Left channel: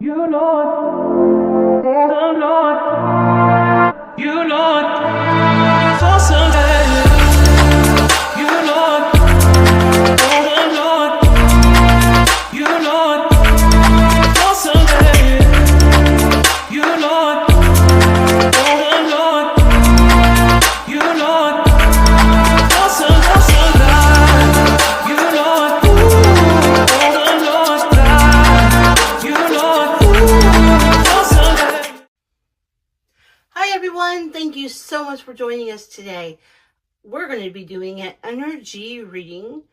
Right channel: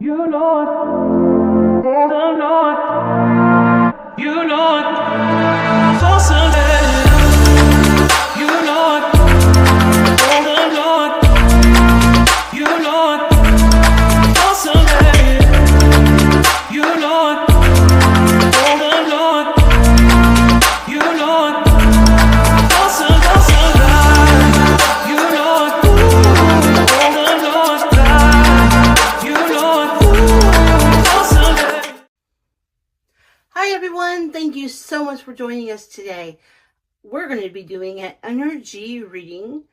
You Lord, the Lord, you Lord, for Sunday. You Lord, the Lord, you Lord, for Sunday. You Lord, the Lord, you Lord, for Sunday. You Lord, the Lord, you Lord, for Sunday. Hi everyone, thank you so much for joining us today. We're going to be doing an energy reading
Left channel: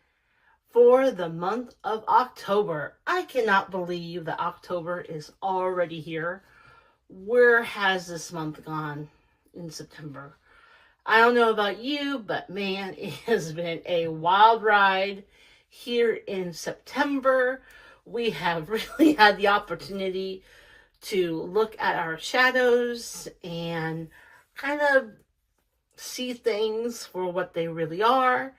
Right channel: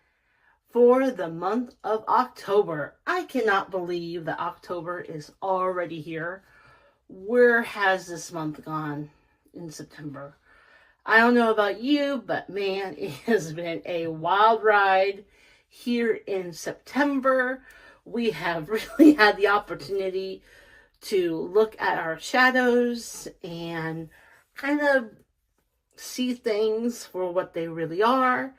for the month of October. I cannot believe that October is already here. Where has this month gone in September? I don't know about you, but man, it has been a wild ride here in September. We have really had the opportunity to look at our shadows and kind of see things for what they really are.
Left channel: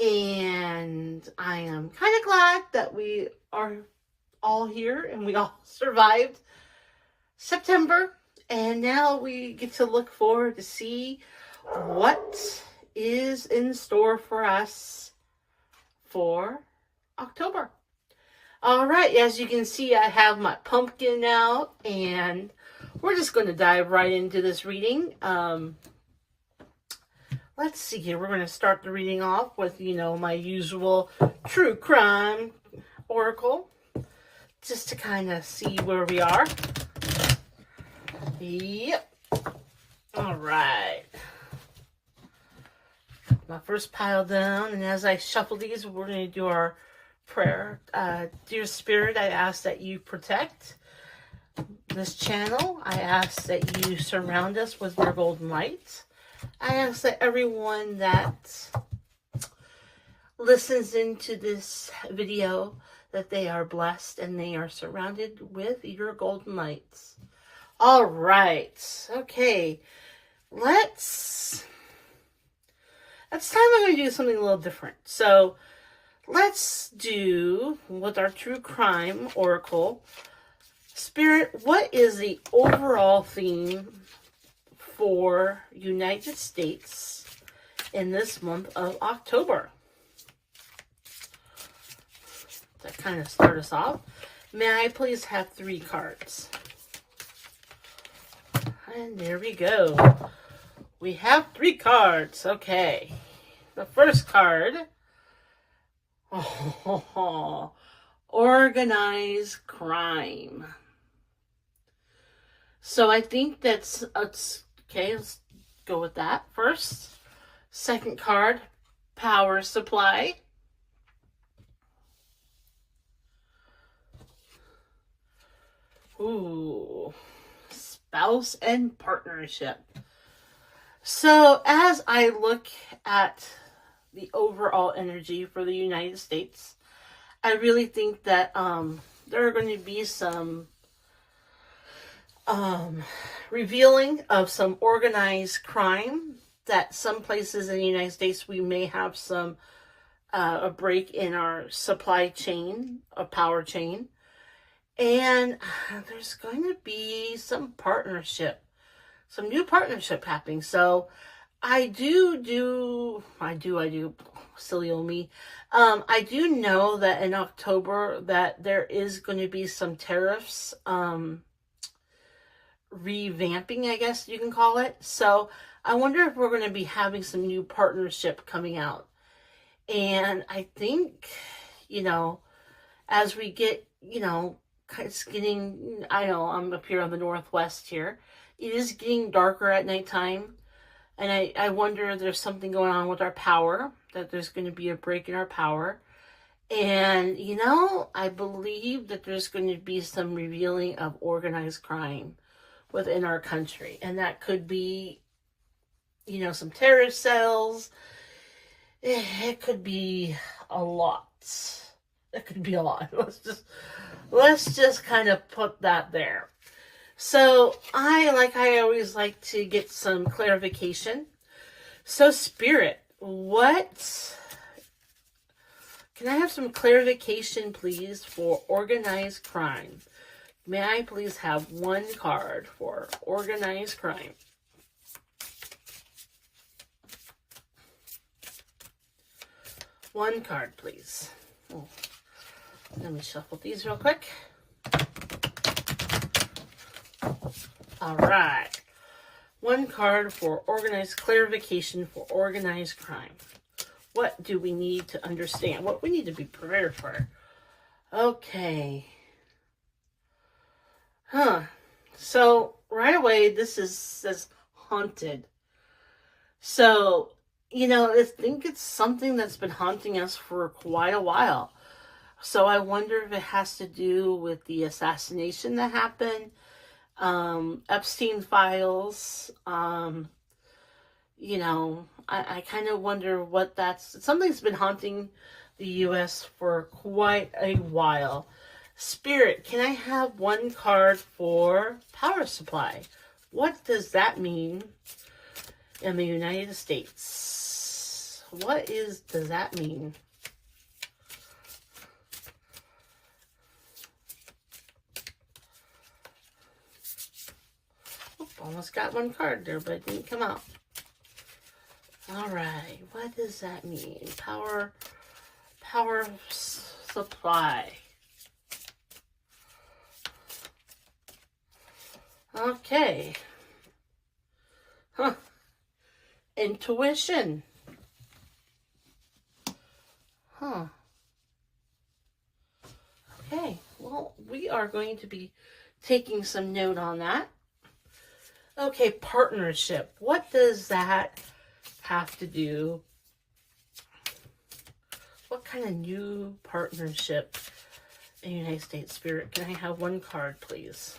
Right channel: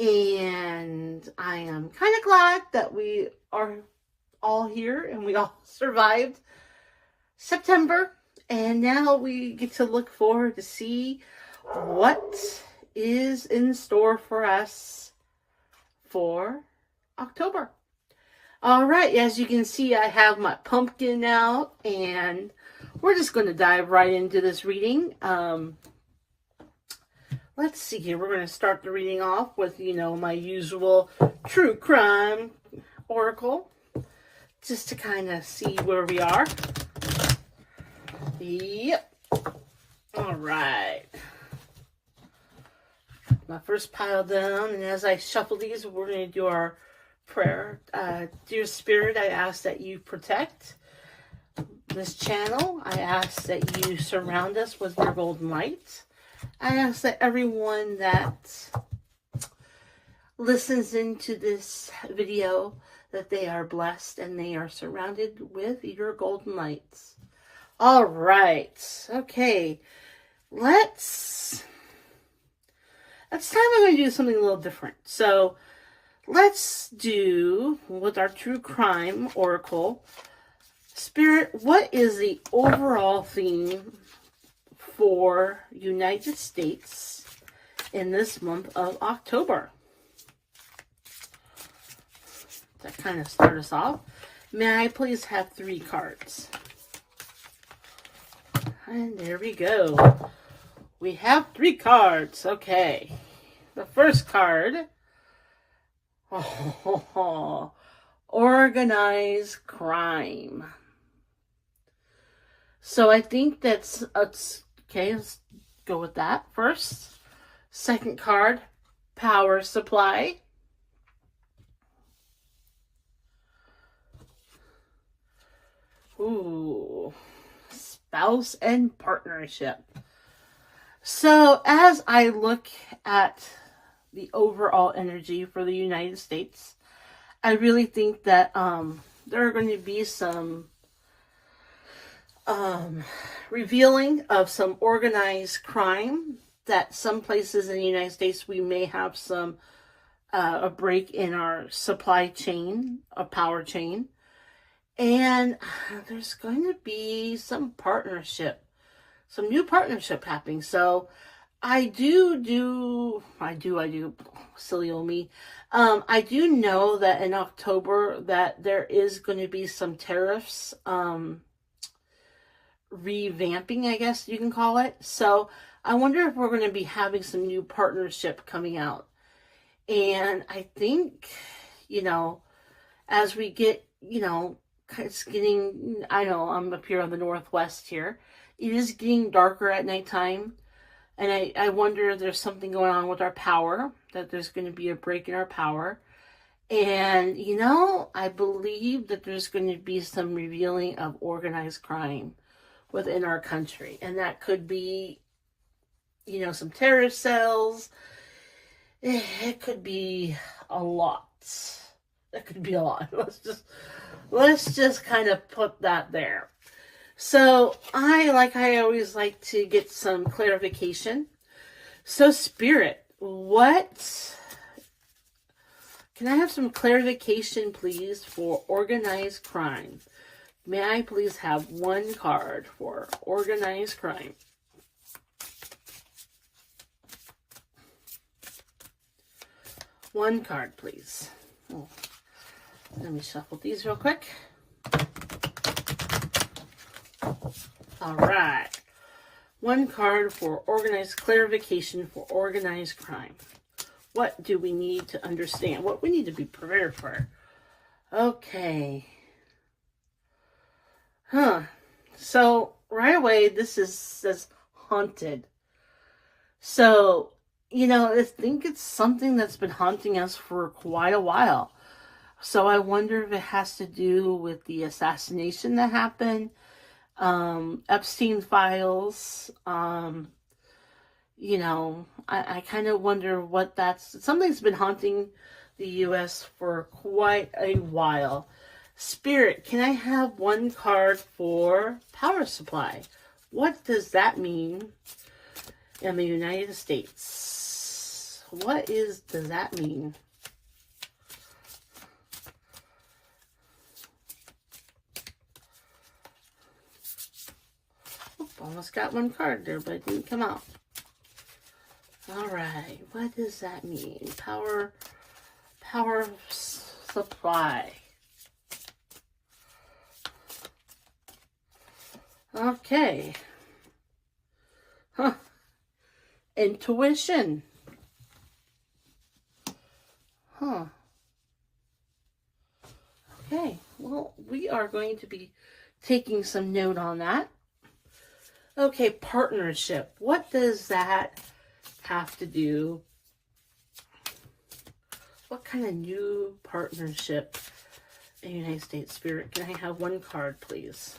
And I am kind of glad that we are all here and we all survived September. And now we get to look forward to see what is in store for us for October. All right, as you can see, I have my pumpkin out, and we're just going to dive right into this reading. Let's see here. We're going to start the reading off with, my usual true crime oracle, just to kind of see where we are. Yep. All right. My first pile down, and as I shuffle these, we're going to do our prayer. Dear Spirit, I ask that you protect this channel. I ask that you surround us with your golden light. I ask that everyone that listens into this video, that they are blessed and they are surrounded with your golden lights. All right. Okay. It's time I'm going to do something a little different. So let's do, with our true crime oracle, Spirit, what is the overall theme for United States in this month of October? To kind of start us off, may I please have 3 cards? And there we go. We have 3 cards. Okay. The first card. Organized crime. So I think that's okay. Let's go with that first. Second card, power supply. Ooh, spouse and partnership. So as I look at the overall energy for the United States, I really think that there are going to be some revealing of some organized crime, that some places in the United States we may have some a break in our supply chain, a power chain, and there's going to be some new partnership happening. So I do, silly old me. I do know that in October that there is going to be some tariffs, revamping, I guess you can call it. So I wonder if we're going to be having some new partnership coming out. And I think, as we get, it's getting, I'm up here on the Northwest here. It is getting darker at nighttime. And I wonder if there's something going on with our power, that there's going to be a break in our power. And, I believe that there's going to be some revealing of organized crime within our country. And that could be, some terrorist cells. It could be a lot. It could be a lot. Let's just kind of put that there. So I always like to get some clarification. So Spirit, can I have some clarification, please, for organized crime? May I please have one card for organized crime? One card, please. Oh, let me shuffle these real quick. All right. One card for organized clarification for organized crime. What do we need to understand? What we need to be prepared for? Okay. So right away, this says haunted. So, you know, I think it's something that's been haunting us for quite a while. So I wonder if it has to do with the assassination that happened, Epstein files. You know, I kind of wonder what that's. Something's been haunting the U.S. for quite a while. Spirit, can I have one card for power supply? What does that mean in the United States? What does that mean? Oop, almost got one card there, but it didn't come out. All right, what does that mean? Power supply. Okay. Intuition. Okay, well, we are going to be taking some note on that. Okay, partnership. What does that have to do? What kind of new partnership in the United States? Spirit, can I have one card, please?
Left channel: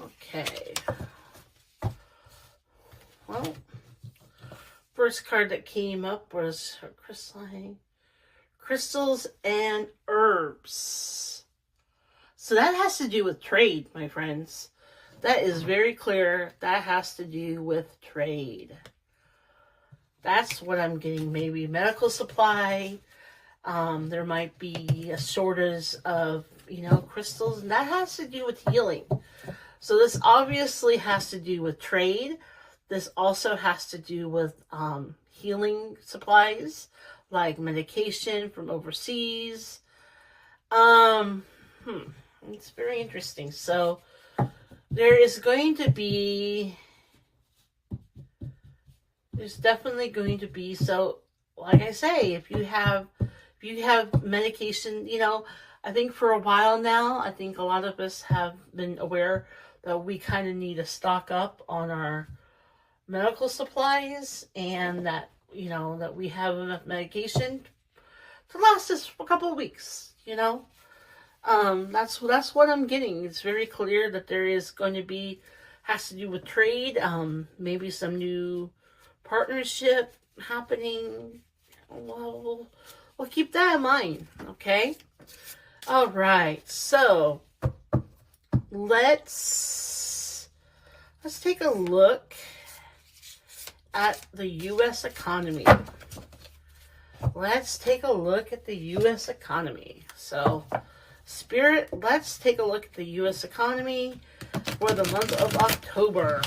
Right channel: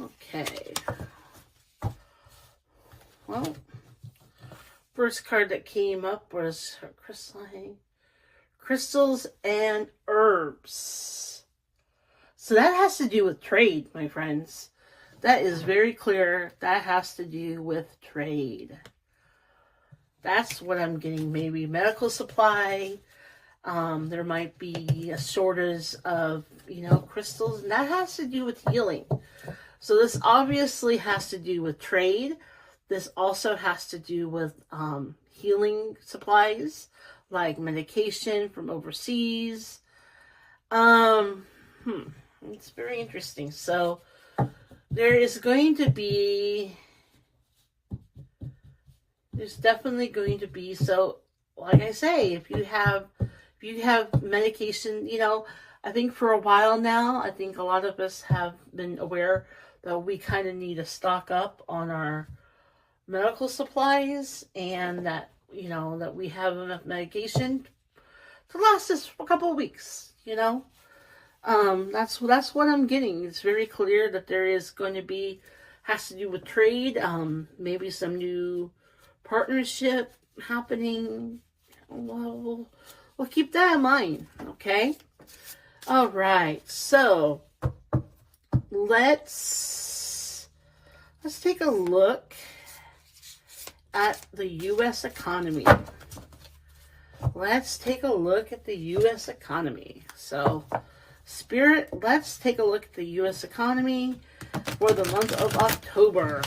Okay. Well, first card that came up was crystals and herbs. So that has to do with trade, my friends. That is very clear. That has to do with trade. That's what I'm getting. Maybe medical supply. There might be a shortage of, crystals, and that has to do with healing. So this obviously has to do with trade. This also has to do with healing supplies, like medication from overseas. It's very interesting. So there's definitely going to be, so like I say, if you have medication, I think for a while now, I think a lot of us have been aware that we kind of need to stock up on our medical supplies, and that, that we have enough medication to last us for a couple of weeks, That's what I'm getting. It's very clear that there is going to be, has to do with trade, maybe some new partnership happening. We'll keep that in mind, okay? All right, so let's take a look at the U.S. economy. Let's take a look at the U.S. economy. So, Spirit, let's take a look at the U.S. economy for the month of October.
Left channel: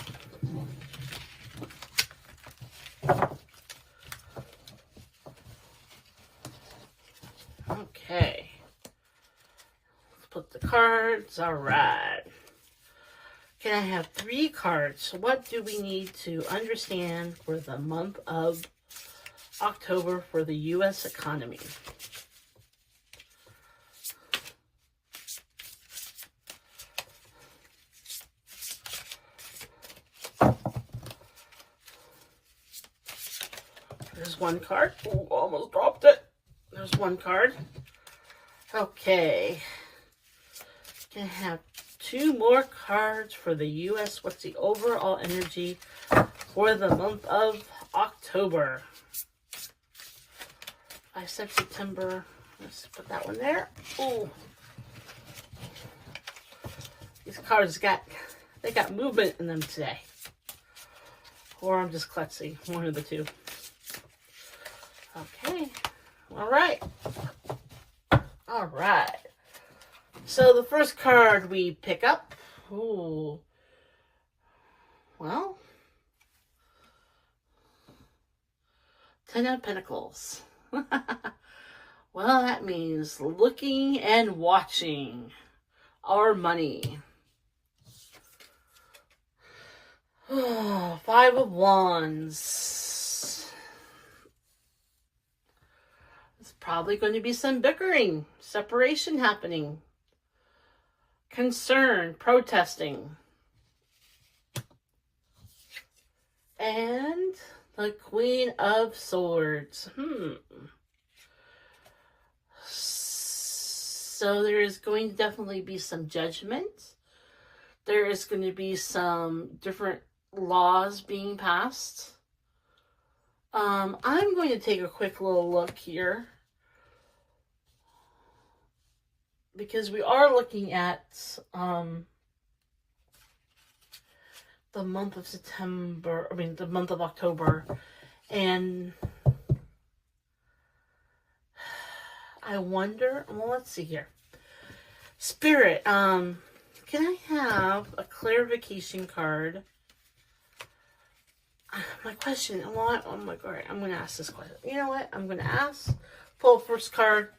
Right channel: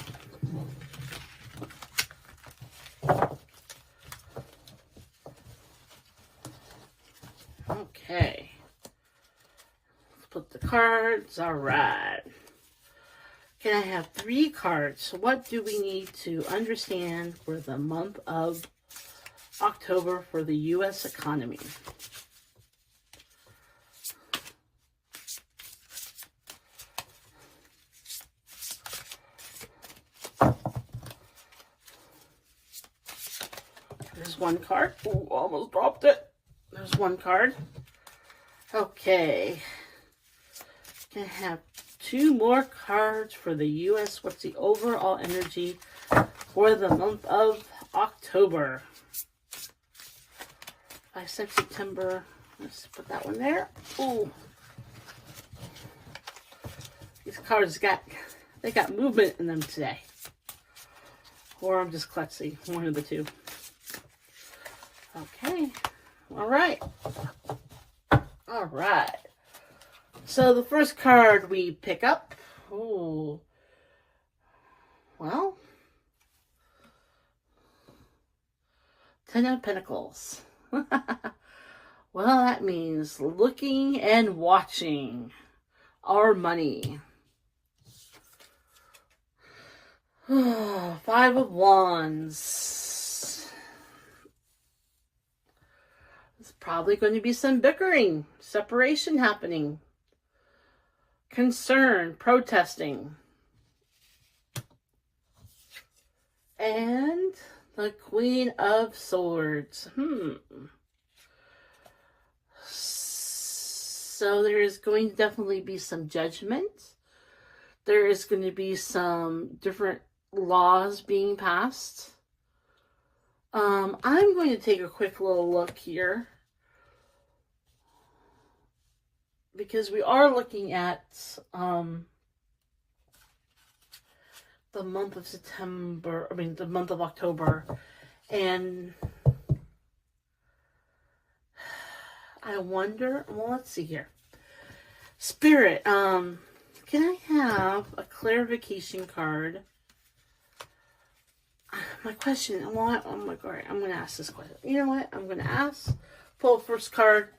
Okay. Let's put the cards. All right. Can I have 3 cards? What do we need to understand for the month of October for the U.S. economy? There's one card. Ooh, almost dropped it. There's one card. Okay. Can I have 2 more cards for the U.S.? What's the overall energy for the month of October? I said September. Let's put that one there. Ooh. These cards got movement in them today. Or I'm just klutzy. One of the two. Okay. All right. All right. So the first card we pick up, ooh, well, Ten of Pentacles. Well, that means looking and watching our money. Five of Wands. There's probably going to be some bickering, separation happening, concern, protesting. And the Queen of Swords. So there is going to definitely be some judgment. There is going to be some different laws being passed. I'm going to take a quick little look here, because we are looking at the month of the month of October, and I wonder, well, let's see here. Spirit, can I have a clarification card? My question, oh my God, I'm going to ask this question. You know what? I'm going to pull the first card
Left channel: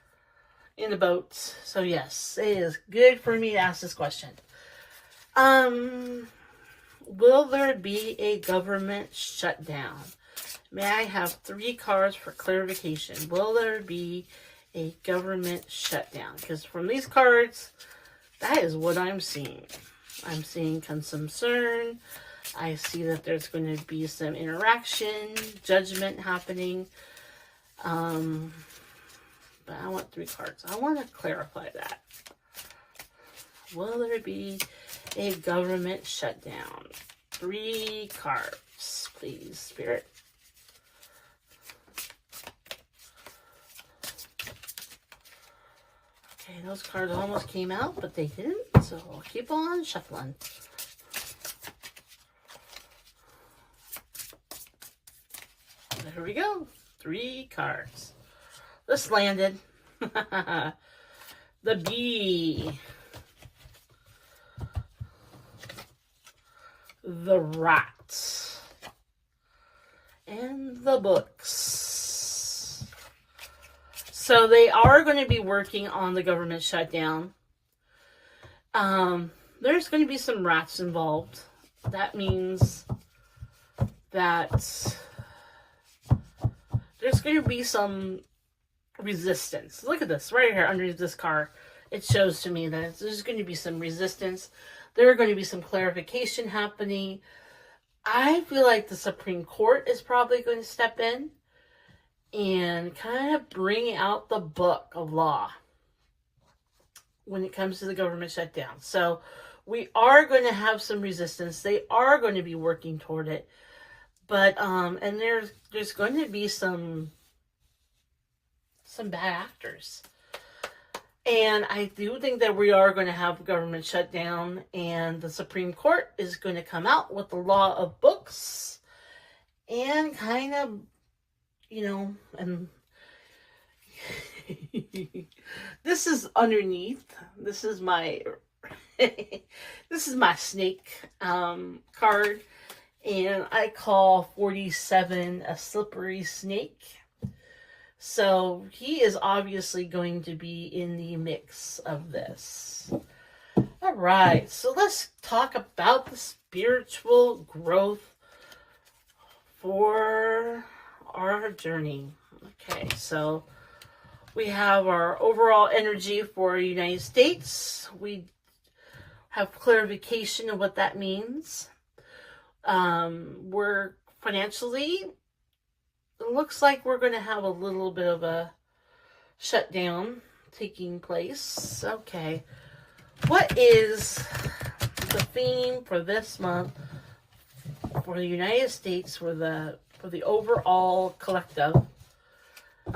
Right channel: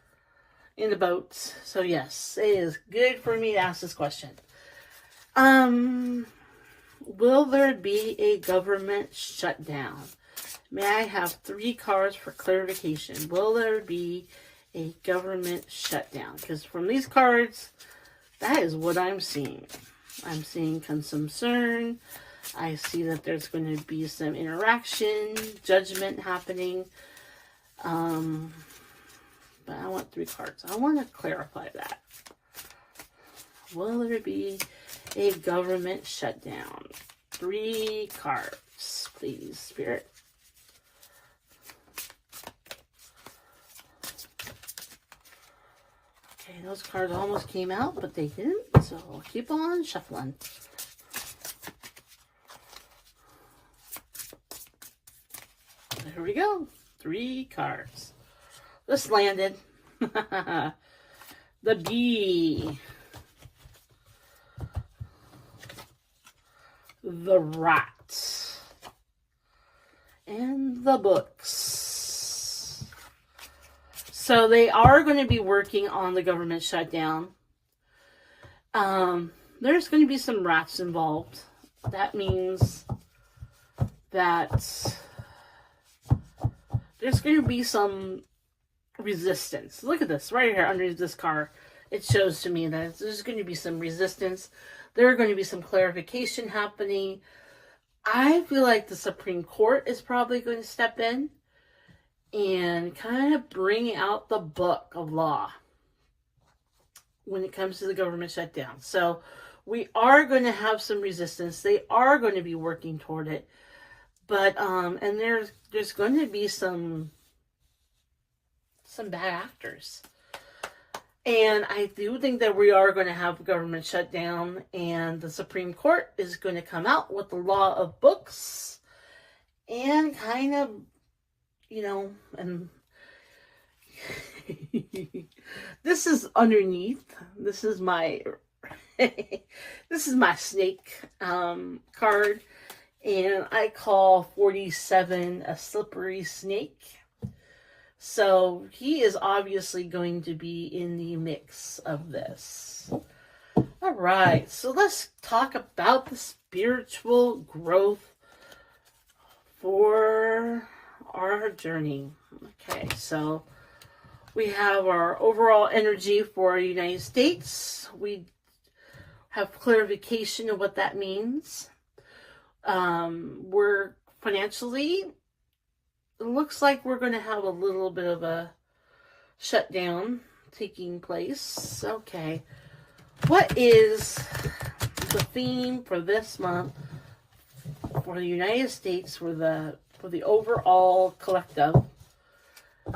in the boat. So yes, it is good for me to ask this question. Will there be a government shutdown? May I have 3 cards for clarification? Will there be a government shutdown? Because from these cards, that is what I'm seeing. I'm seeing concern. I see that there's going to be some interaction, judgment happening. But I want 3 cards. I want to clarify that. Will there be a government shutdown? 3 cards, please, Spirit. Okay, those cards almost came out, but they didn't, so I'll keep on shuffling. There we go. 3 cards. This landed. The Bee. The Rat. And the Books. So they are going to be working on the government shutdown. There's going to be some rats involved. That means that there's going to be some resistance. Look at this right here underneath this card. It shows to me that there's going to be some resistance. There are going to be some clarification happening. I feel like the Supreme Court is probably going to step in and kind of bring out the book of law when it comes to the government shutdown. So we are going to have some resistance. They are going to be working toward it. But, and there's going to be some bad actors. And I do think that we are going to have a government shutdown, and the Supreme Court is going to come out with the law of books and kind of, and this is underneath. This is my snake card. And I call 47 a slippery snake. So he is obviously going to be in the mix of this. All right, so let's talk about the spiritual growth for our journey. Okay, so we have our overall energy for the United States. We have clarification of what that means. We're financially, it looks like we're going to have a little bit of a shutdown taking place. Okay. What is the theme for this month for the United States, for the overall collective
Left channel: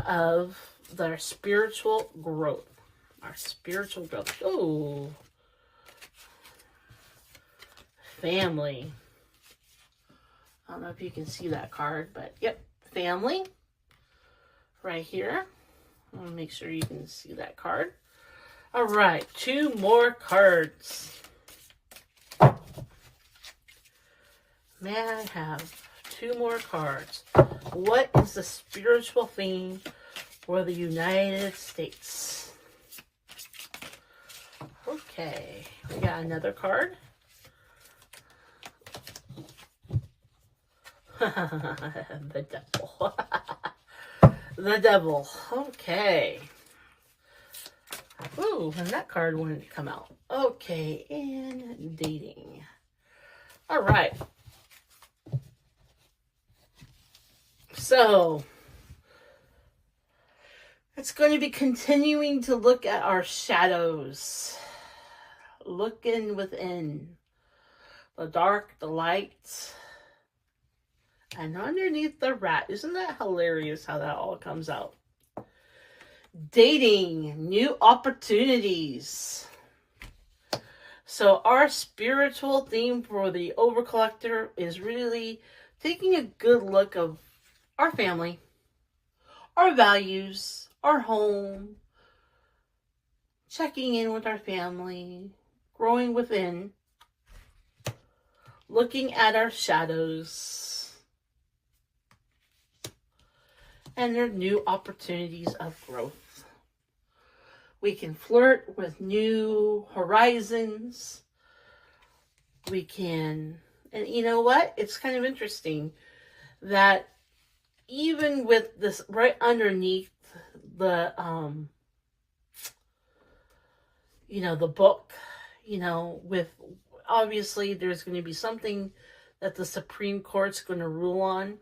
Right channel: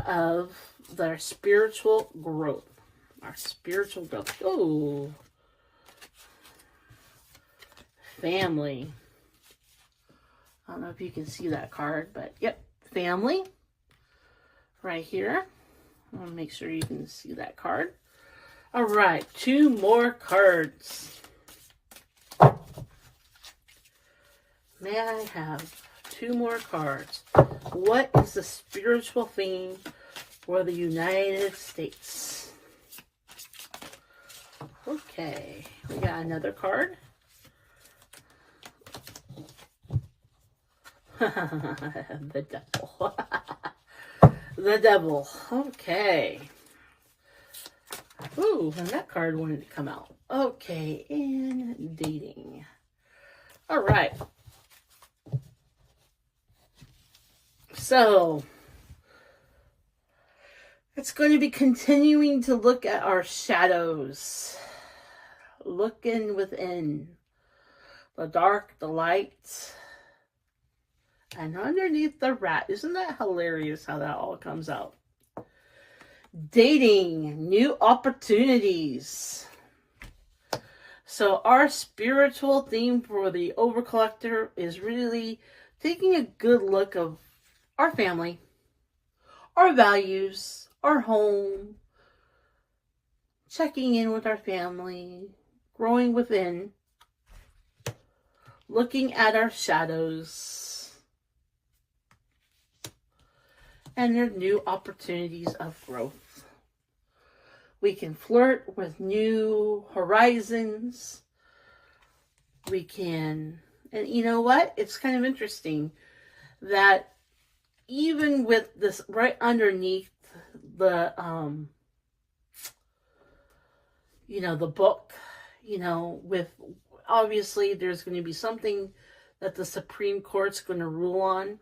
of their spiritual growth? Our spiritual growth. Oh. Family. I don't know if you can see that card, but yep, family right here. I want to make sure you can see that card. All right, 2 more cards. May I have 2 more cards? What is the spiritual theme for the United States? Okay, we got another card. The devil. The devil. Okay. Ooh, and that card wanted to come out. Okay, and dating. All right. So, it's going to be continuing to look at our shadows. Looking within. The dark, the light, and underneath the rat. Isn't that hilarious how that all comes out? Dating, new opportunities. So our spiritual theme for the Overcollector is really taking a good look of our family, our values, our home, checking in with our family, growing within, looking at our shadows, and their new opportunities of growth. We can flirt with new horizons. We can, and you know what? It's kind of interesting that even with this right underneath the, the book, with obviously there's going to be something that the Supreme Court's going to rule on.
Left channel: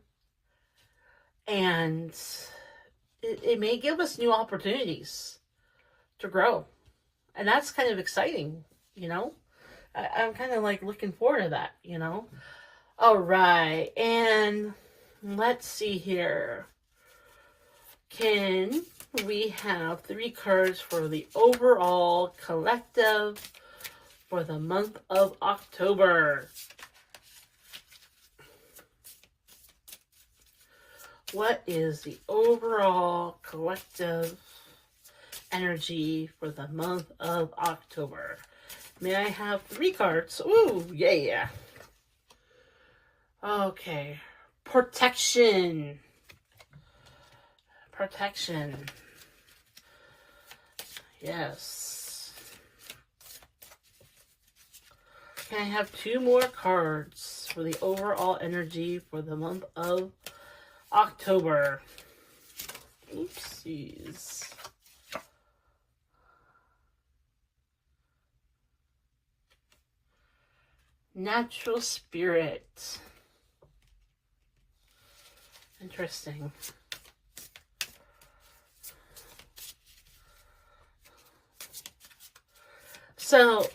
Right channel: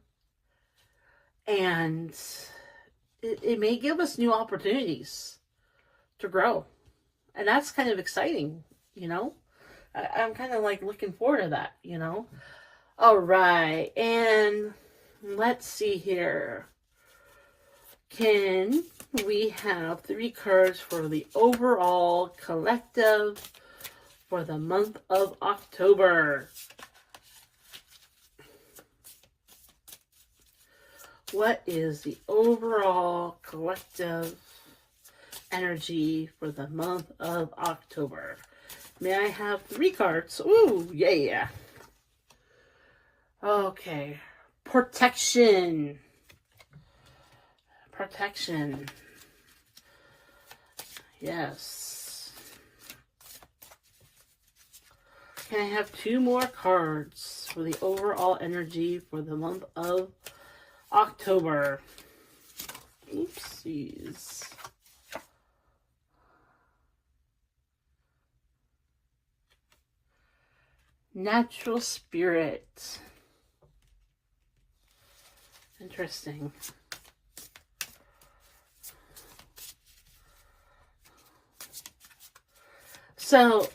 And it may give us new opportunities to grow. And that's kind of exciting, I'm kind of like looking forward to that, All right. And let's see here. Can we have 3 cards for the overall collective for the month of October? What is the overall collective energy for the month of October? May I have 3 cards? Ooh, yeah. Okay. Protection. Protection. Yes. Can I have 2 more cards for the overall energy for the month of October? Oopsies. Natural spirit. Interesting. So,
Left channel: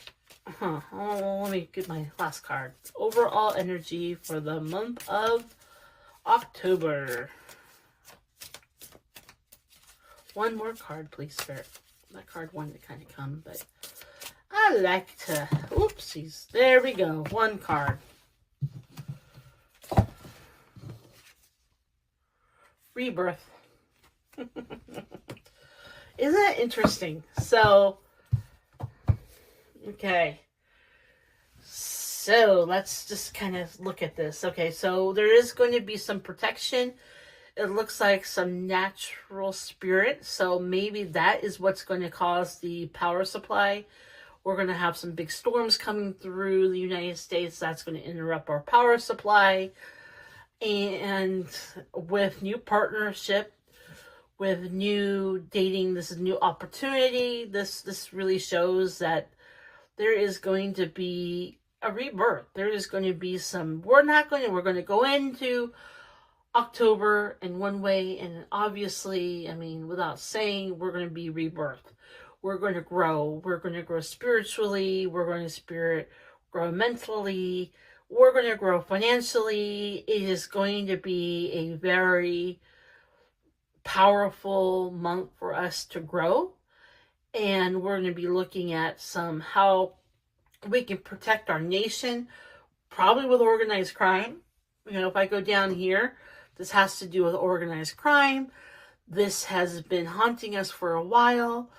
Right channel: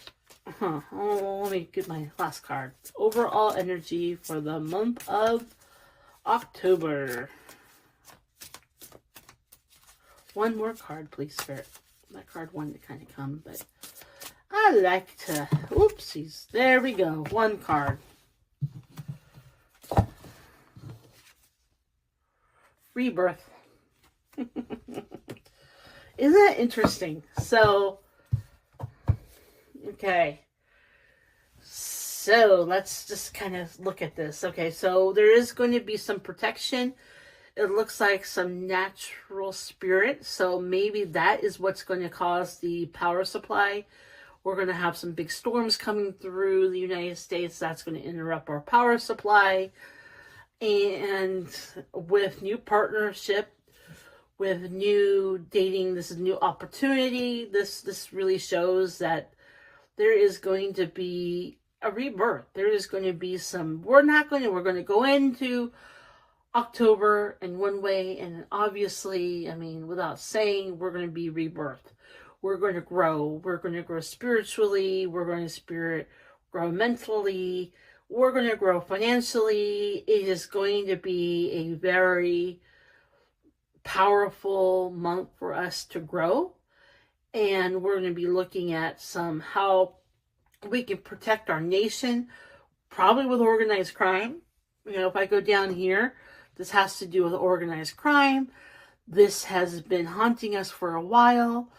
let me get my last card. Overall energy for the month of October. 1 more card, please, Spirit. That card wanted to kind of come, but I like to... Oopsies. There we go. 1 card. Rebirth. Isn't that interesting? So, okay. So, let's just kind of look at this. Okay, so there is going to be some protection. It looks like some natural spirit. So, maybe that is what's going to cause the power supply. We're going to have some big storms coming through the United States. That's going to interrupt our power supply. And with new partnership, with new dating, this is new opportunity. This really shows that there is going to be a rebirth. There is going to be some, we're going to go into October in one way, and obviously, without saying, we're going to be rebirth. We're going to grow. We're going to grow spiritually. We're going to grow mentally. We're going to grow financially. It is going to be a very powerful month for us to grow. And we're going to be looking at how we can protect our nation, probably with organized crime. If I go down here, this has to do with organized crime. This has been haunting us for a while.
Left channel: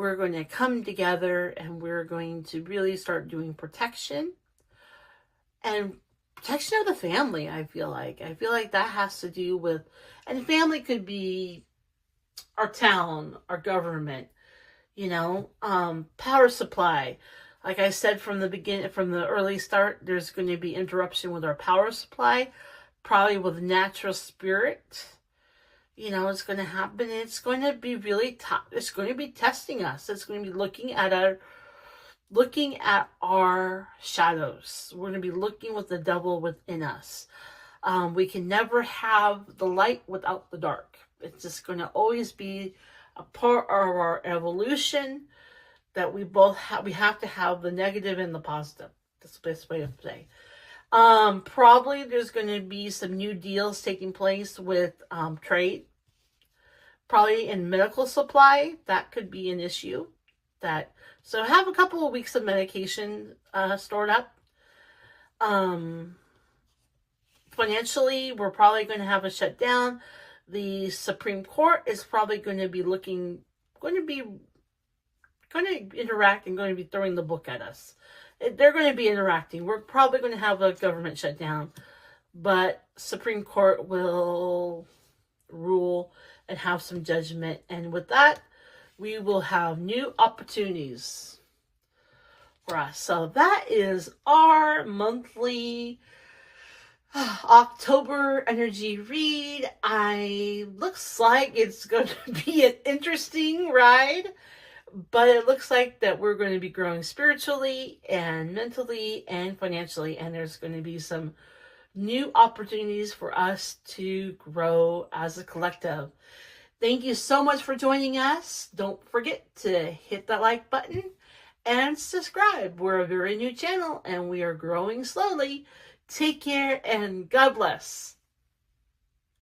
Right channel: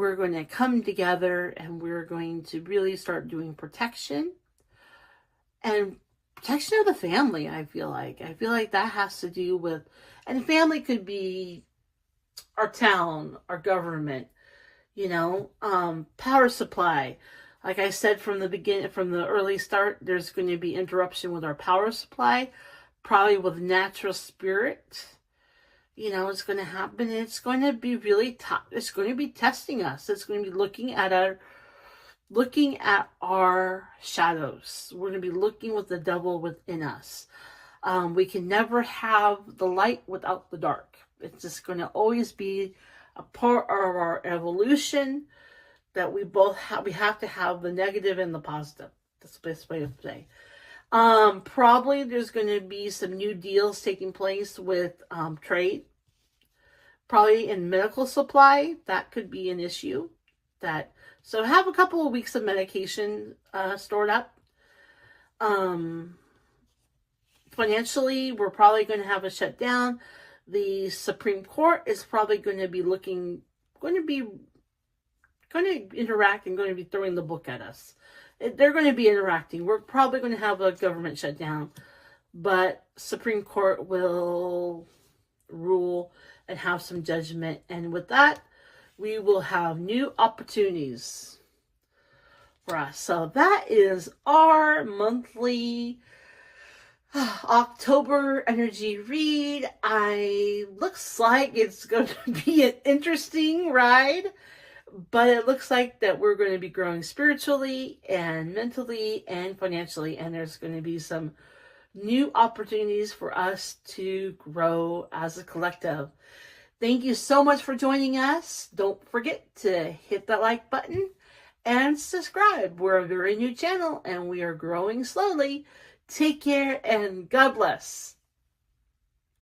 we're going to come together and we're going to really start doing protection and protection of the family. I feel like that has to do with, and family could be our town, our government, power supply. Like I said from the beginning, from the early start, there's going to be interruption with our power supply, probably with natural spirit. It's going to happen. It's going to be really tough. It's going to be testing us. It's going to be looking at our shadows. We're going to be looking with the devil within us. We can never have the light without the dark. It's just going to always be a part of our evolution that we both have. We have to have the negative and the positive. That's the best way to say. Probably there's going to be some new deals taking place with trade. Probably in medical supply, that could be an issue. So have a couple of weeks of medication stored up. Financially, we're probably going to have a shutdown. The Supreme Court is probably going to interact and going to be throwing the book at us. They're going to be interacting. We're probably going to have a government shutdown, but Supreme Court will rule and have some judgment. And with that, we will have new opportunities for us. So that is our monthly October energy read. Looks like it's going to be an interesting ride, but it looks like that we're going to be growing spiritually and mentally and financially, and there's going to be some new opportunities for us to grow as a collective. Thank you so much for joining us. Don't forget to hit that like button and subscribe. We're a very new channel and we are growing slowly. Take care and God bless.